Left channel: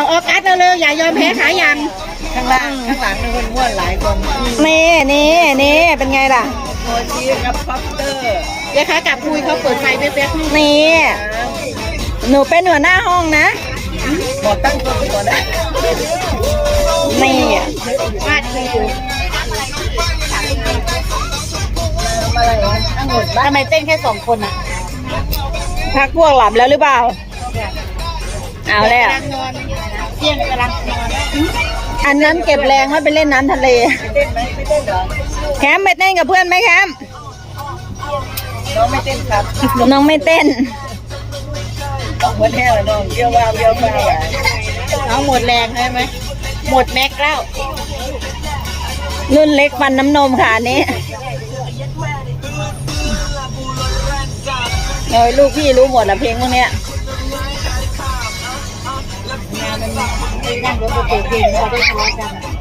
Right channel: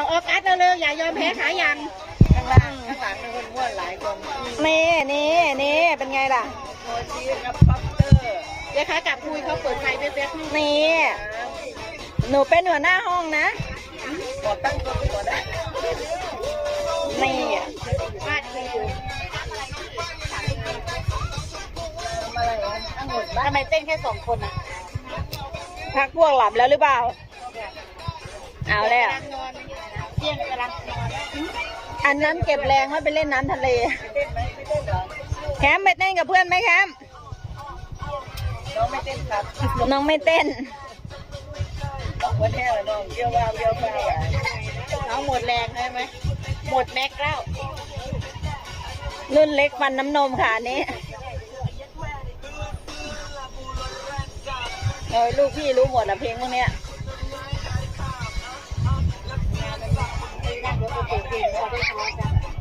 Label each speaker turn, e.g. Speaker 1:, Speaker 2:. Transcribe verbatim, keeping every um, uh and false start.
Speaker 1: ออกัสเร็วๆอย่ายอมแพ้ขายัง
Speaker 2: ข้างล่างข้างหลังมีคนม้วนหลายคน
Speaker 3: นี่นี่นี่เป็นไงล่ะ
Speaker 2: โมจิกับป๊อปเตอร์
Speaker 1: เดี๋ยวขากลับคุยเขาเปิดไฟแป๊บๆ
Speaker 3: นี่หนูเป็นหัวหน้าห้องนะ
Speaker 2: บอกตั้งตัวก่อนนะ
Speaker 3: นี่
Speaker 1: วาดดีอยู่
Speaker 2: อะไรวะตั้งหมดบ้าน
Speaker 1: ทำไมเต้นแค่สองคนอ่ะ
Speaker 3: พักพวกหลับแล้วหรือเปล่าเอาแล้ว
Speaker 1: กำลังนอนเที่ยงกำลังนอน
Speaker 3: อันนั้นเก็บแรงไว้ไปเล่นน้ำทะเล
Speaker 2: เต้นไหมไม่เต้นเหรอ
Speaker 3: แคมป์ไปเต้นกับเพื่อนไหมแคมป์
Speaker 2: น้องไม่เต้นครับ
Speaker 3: น้องไม่เต้น
Speaker 2: เหมือนแห้งเลยน้องเยี่ยวว่าเยี่ยวว่า
Speaker 1: น้องหมดแรงใช่ไหมหมดแม็กแล้ว
Speaker 3: รุ่นเล็กฟันน้ำนมค่ะอันนี้โอ้ยลูกพี่รู้หมดละเพลงพวกเนี้ย
Speaker 1: งานมันไม่นั่งรถไปเปิดเพลงเขาได้ทะเลาะกัน